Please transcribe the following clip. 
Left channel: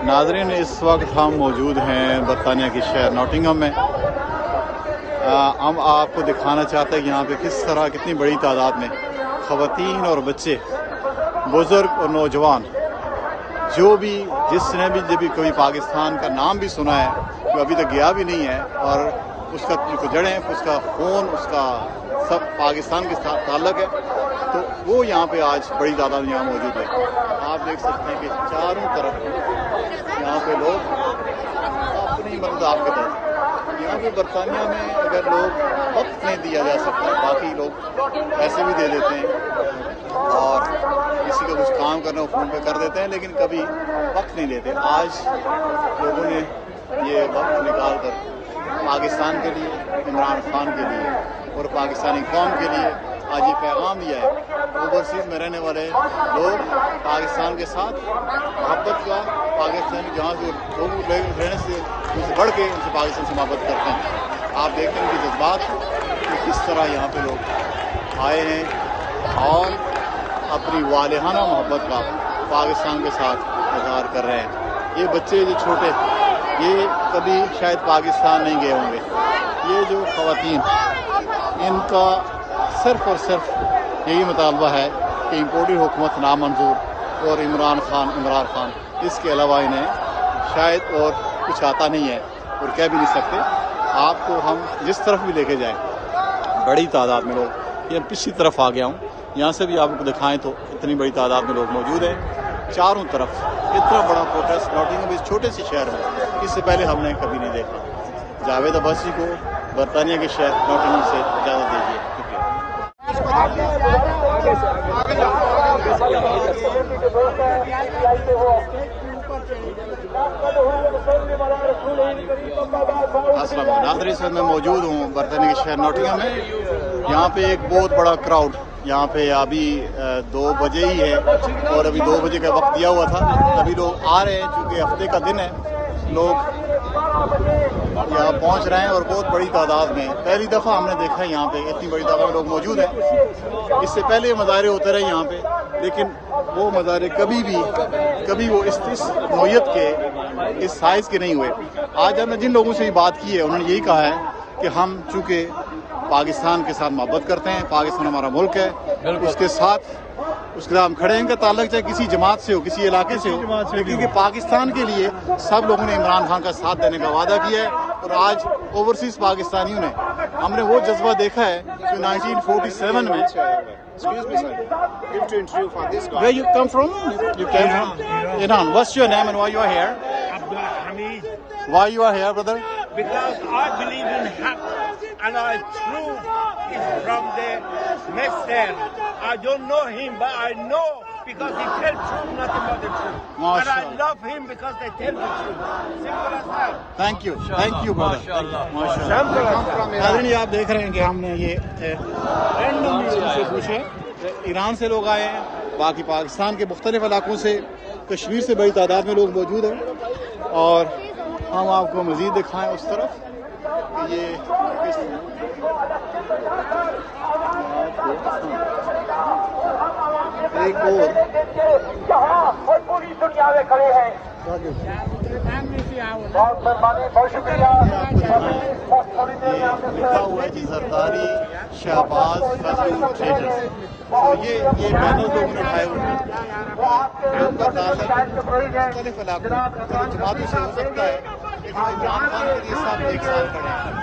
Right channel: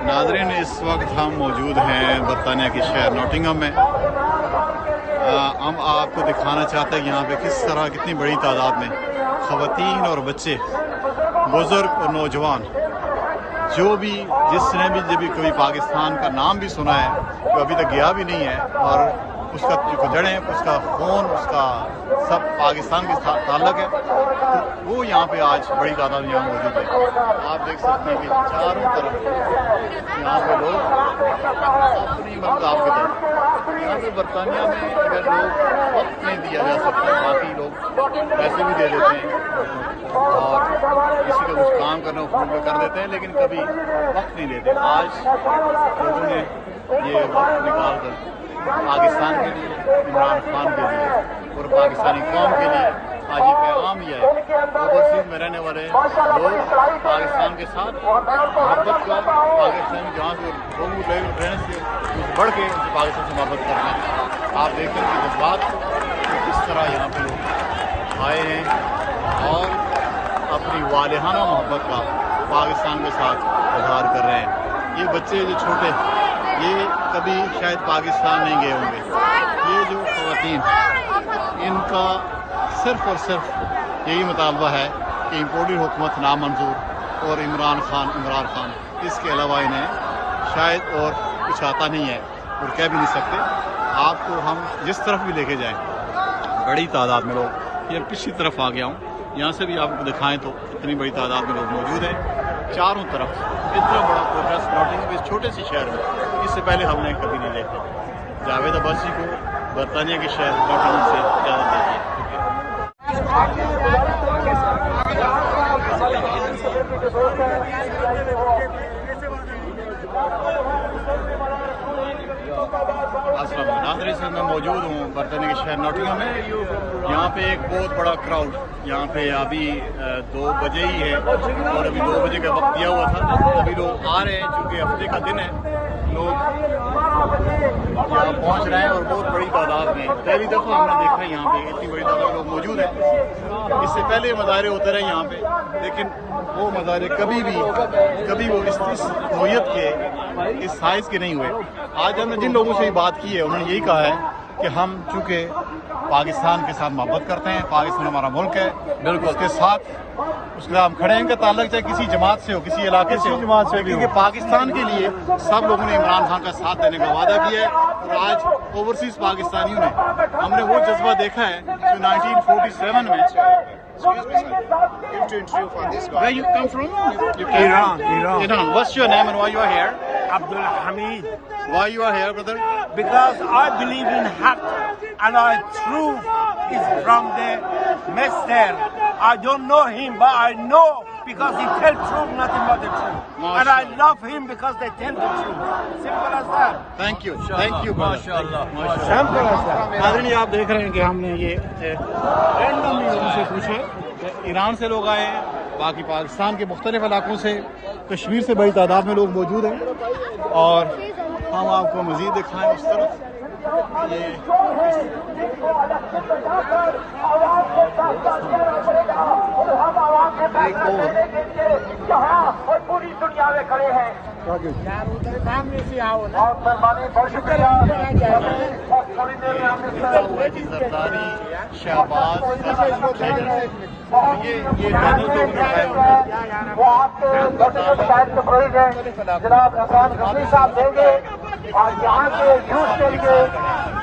नाज़रीन इस वक्त हम मौजूद हैं बरतानिया के शहर नॉटिंघम में। हम आपको दिखाना चाहते हैं कि यहाँ पे किस तरह कितनी बड़ी तादाद में ख़वातीन और बच्चे, बुज़ुर्ग और नौजवान, जो भी जिसने भी जब भी कभी पाकिस्तान का नाम भी सुना है, जो अभी तक गया भी नहीं है और उसका जो जड़ें, उसका खून, उसका सब पाकिस्तान के साथ ताल्लुक़ है, तो वो यहाँ पे आज बड़ी तादाद में यहाँ मौजूद है। आप देख सकते हैं कि चारों तरफ यहाँ पे लोग अपनी मदद आपकी तरफ, यहाँ पे बरतानिया में अगर लोग वक्त नहीं दिया जा सकता, बाकी लोग पैसे भी दे देते हैं और किसी का कुछ काम करना हो फ़ोन पे कर देते हैं, लेकिन कभी वक्त नहीं देते। आज लोगों ने ये वक्त निकाल कर पाकिस्तान के लिए, इमरान खान के लिए और पाकिस्तानी कौम के लिए आज ये पैगाम दिया है। ओवरसीज़ में रहने वाले लोग पाकिस्तान के साथ मोहब्बत का, पाकिस्तानी जहाँ से लोग रहने से उनसे बढ़ के उनसे पाकिस्तान से मोहब्बत करते हैं। आप देखते हैं कि जज्बात कि किस तरह यहाँ पे लोग आए हैं और अपनी वालिहाना मोहब्बत का पाकिस्तान के साथ इजहार कर रहे हैं। ये बच्चे जो छोटे, ये कभी शायद पाकिस्तान नहीं गए होंगे। ये जो ख़वातीन, इनका सिर्फ़ और सिर्फ यही मुतालबा है कि इम्पोर्टेड हुकूमत नामंजूर और इमरान खान, इसके अलावा इन्हें शायद और कुछ आता नहीं है और कह भी नहीं सकते। आपको हम जिस तरफ भी लेके जाएं, बड़ी तादाद में लोग, ये पिछली तरफ आ गया हूँ, यहाँ से भी आपको दिखाएं तो इतनी बड़ी तादाद में लोग मौजूद हैं। चारों तरफ इतना बड़ा प्रोटेस्ट नॉटिंघम इस छोटे से शहर में इससे पहले हमने कभी नहीं देखा। जावेद अब्बासी को बरतानिया के शहर नॉटिंघम से इजाज़त दीजिए। शुक्रिया। अस्सलाम वालेकुम नाज़रीन, सर मैं मौजूद हूँ बरतानिया के शहर नॉटिंघम में। यहाँ पे एक बहुत बड़ा क्राउड, यहाँ पे अभी 2 बजे ही है और अभी 2 बजे का वक्त दिया हुआ था, तभी लोग आ रहे हैं क्योंकि हफ्ते का दिन है। लोग यहाँ पहुँच रहे हैं और बहुत बड़ी तादाद में, पहली दफ़ा हमने देखा है यहाँ पे इतनी बड़ी तादाद में लोग मौजूद हैं। इससे पहले मुजाहरे होते रहे यहाँ पे, लेकिन वो मुजाहरे कभी वो इस नौयत के, इस साइज़ के नहीं हुए। आज हमने जिन लोगों से बात की है, उन्होंने यही कहा है कि हम चूँकि पाकिस्तान के साथ मोहब्बत करते हैं, पाकिस्तान हमारा मुल्क है, उसके साथ हम खड़े हैं। इनका ताल्लुक चाहे किसी जमात से हो, किसी इलाके से हो, क्योंकि पाकिस्तान के लिए सब लोगों ने इमरान खान का साथ देने का वादा किया है। और आज ओवरसीज़ पाकिस्तानियों ने, हमने वो जज्बा देखा है जो 1947 में। Where you come from? Iran. What's your name and why you are here? Abdul Hamid. Why you are here, brother? Because I believe in haq and our truth is from the master. I don't know him, but I know because he tells truth, nothing but the truth. And I love him because they tell the truth. Simple as that. Thank you, brother. Thank you. माशाअल्लाह। नाज़रीन ये आप देख रहे हैं कि हमने ये से पूछे, ईरान से लोग आए हैं, बाकी पाकिस्तान के मुख्तलिफ इलाकों से, कश्मीर से बड़ी तादाद में लोग मौजूद हैं। और हम आपको मज़ीद दिखाएं उस तरफ कि ये एक और ये लिखा हुआ है कि जरदारी शहबाज फजल थिएटर। तो ये बैनर लोगों ने उठाए हुए हैं, उनका ताल्लुक मुख्तलिफ इलाकों जमातों से हो सकता है, लेकिन इमरान खान के लिए सब एक साथ खड़े हैं।